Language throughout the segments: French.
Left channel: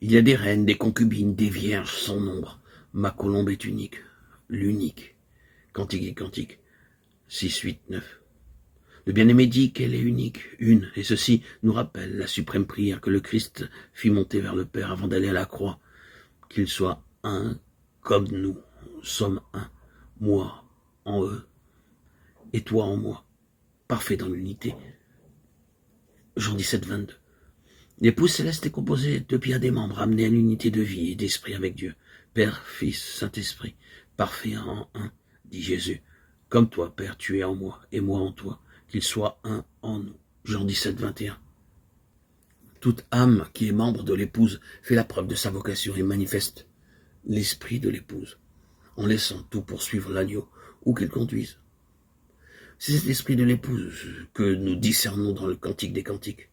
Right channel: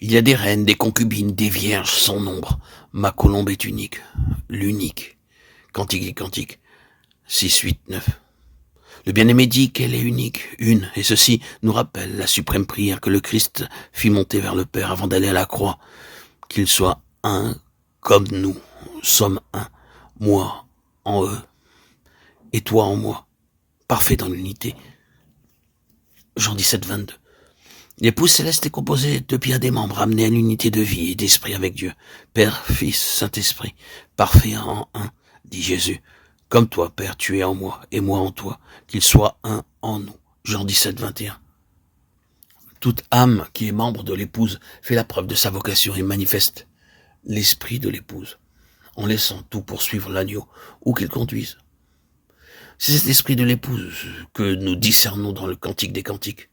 Il y a des reines, des concubines, des vierges sans nombre. Ma colombe est unique, l'unique. Cantique et cantique, 6, 8, 9. Le bien-aimé dit qu'elle est unique, une, et ceci nous rappelle la suprême prière que le Christ fit monter vers le Père avant d'aller à la croix, qu'il soit un comme nous sommes un, moi en eux, et toi en moi, parfait dans l'unité. Jean 17, 22. L'épouse céleste est composée de bien des membres amenés à l'unité de vie et d'esprit avec Dieu. Père, Fils, Saint-Esprit, parfait en un, dit Jésus. Comme toi, Père, tu es en moi et moi en toi, qu'il soit un en nous. Jean 17, 21. Toute âme qui est membre de l'épouse fait la preuve de sa vocation et manifeste l'esprit de l'épouse, en laissant tout poursuivre l'agneau, où qu'il conduise. C'est cet esprit de l'épouse que nous discernons dans le Cantique des Cantiques.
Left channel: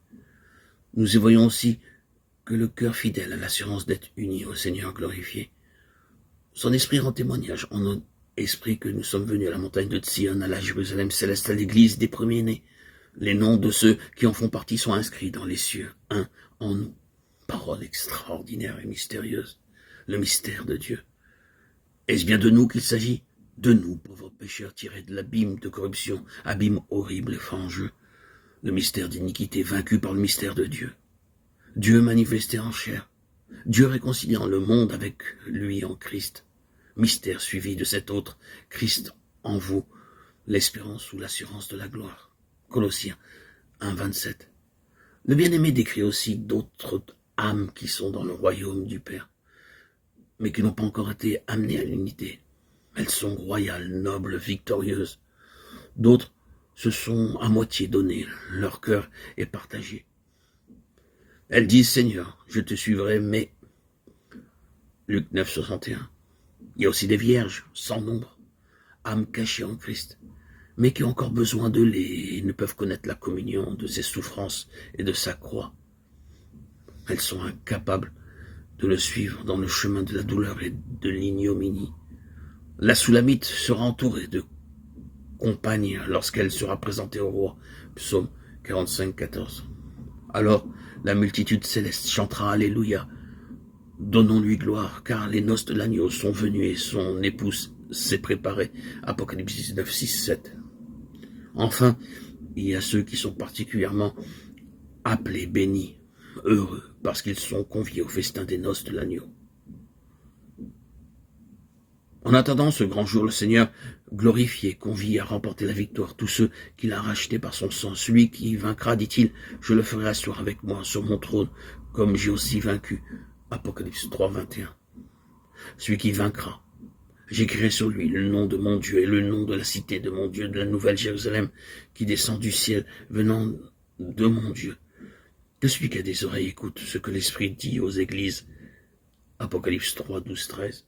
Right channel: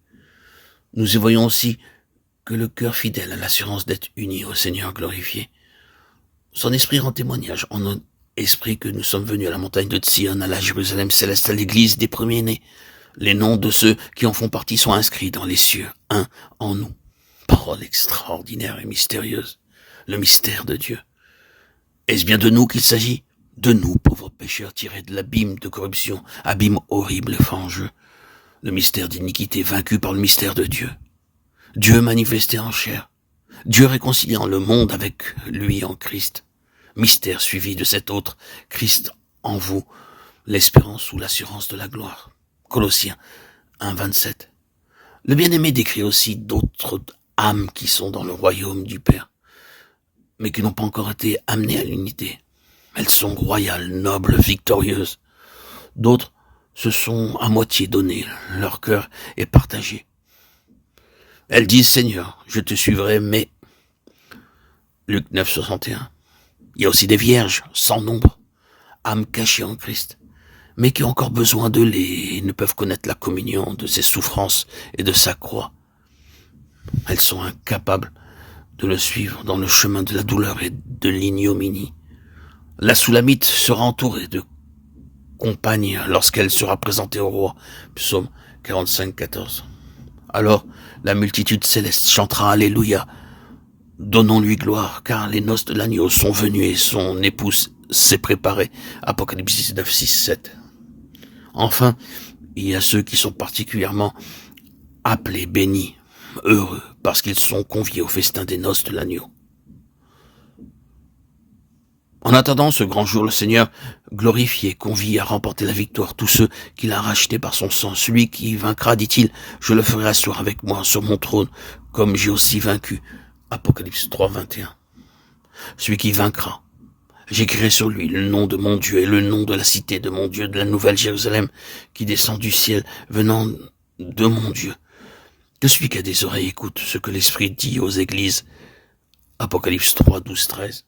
Nous y voyons aussi que le cœur fidèle a l'assurance d'être uni au Seigneur glorifié. Son esprit rend témoignage en notre esprit que nous sommes venus à la montagne de Sion, à la Jérusalem céleste, à l'église des premiers-nés. Les noms de ceux qui en font partie sont inscrits dans les cieux, un en nous. Parole extraordinaire et mystérieuse, le mystère de Dieu. Est-ce bien de nous qu'il s'agit? De nous, pauvres pécheurs tirés de l'abîme de corruption, abîme horrible et fangeux. Le mystère d'iniquité vaincu par le mystère de Dieu. Dieu manifesté en chair. Dieu réconciliant le monde avec lui en Christ. Mystère suivi de cet autre, Christ en vous, l'espérance ou l'assurance de la gloire. Colossiens 1, 27. Le bien-aimé décrit aussi d'autres âmes qui sont dans le royaume du Père, mais qui n'ont pas encore été amenées à l'unité. Elles sont royales, nobles, victorieuses. D'autres se sont à moitié données, leur cœur est partagé. Elles disent, Seigneur, je te suivrai, mais... Luc 9, 61. Il y a aussi des vierges, sans nombre, âmes cachées en Christ, mais qui ont encore besoin de lait et ne peuvent connaître la communion de ses souffrances et de sa croix. Elles sont incapables de le suivre dans le chemin de la douleur et de l'ignominie. La Soulamite sera entourée de compagne lorsqu'elle sera présentée au roi. Psaume 45, 14. Alors la multitude céleste chantera Alléluia. Donnons-lui gloire, car les noces de l'agneau sont venues et son épouse s'est préparée. Apocalypse 19, 6, 7. Enfin, il y a ceux qui sont particulièrement appelés, bénis, heureux, parce qu'ils sont conviés au festin des noces de l'agneau. En attendant ce grand jour, le Seigneur glorifié convie à remporter la victoire tous ceux qu'il a rachetés par son sang. Celui qui vaincra, dit-il, je le ferai asseoir avec moi sur mon trône, comme j'ai aussi vaincu. Apocalypse 3, 21. Celui qui vaincra, j'écrirai sur lui le nom de mon Dieu et le nom de la cité de mon Dieu, de la nouvelle Jérusalem, qui descend du ciel, venant de mon Dieu. Que celui qui a des oreilles écoute ce que l'Esprit dit aux églises. Apocalypse 3, 12, 13.